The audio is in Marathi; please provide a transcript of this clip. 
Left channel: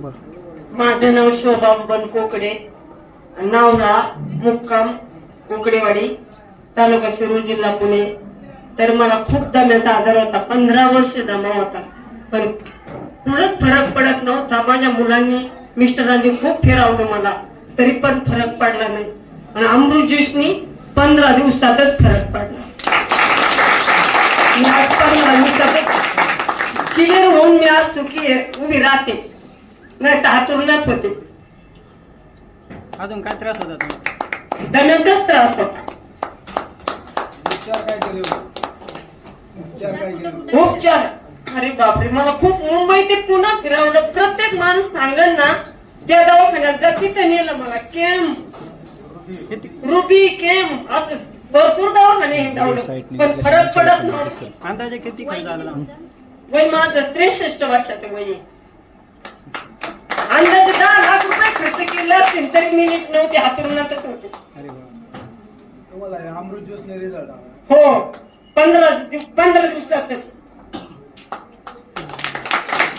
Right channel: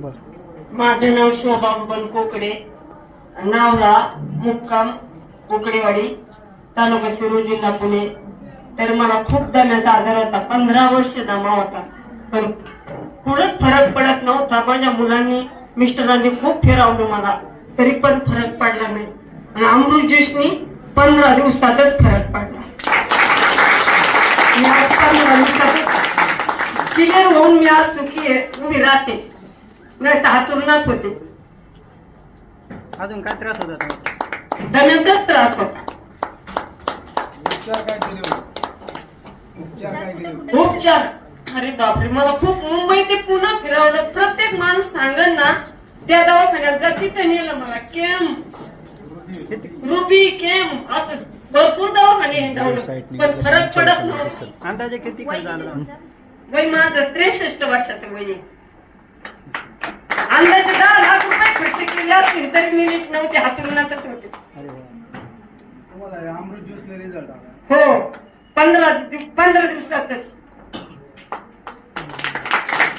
माझं नाव शोभा बबन कोकडे, नावला मुक्काम कोकडेवाडी, तालुका शिरूर, जिल्हा पुणे. तर मला खूप दम्याचा आजार होता, 15 वर्ष दमा होता, पण थोडंच फरक पडत नव्हता. माझ्या मुलांनी मिस्टरांनी खूप फिरवलं मला, तरी पण फरक पडला नाही. आणि अमृत ज्यूसनी 15 दिवसातच फरक पडला. मी आज 15 दिवसातच क्लिअर होऊन मी आज सुखी उभी राहते, नाही तर हातुरणात होते. अजून काय त्रास होता? दम्याचाच त्रास होता. उपचार अरे बापरे, मला खूप मुंबई ते पुन्हा फिरवलं. प्रत्येक माणूस सांगल ना त्या दवाखान्यात जा, तिथं नेलं मला. केम रुबी केम असं भरपूर दवाखाने हिंडवलं, पण फरक पडत नव्हता. अंदाजे किती खर्च आला? वय माझं 63 वर्षाचं वय आहे. अंदाजे 10 लाख रुपये खर्च केले असतील तरी मी नीट नव्हते, हातुरणातच होते. अरे वा, अमृत ज्यूस ने रिझल्ट हो, 15 दिवसातच.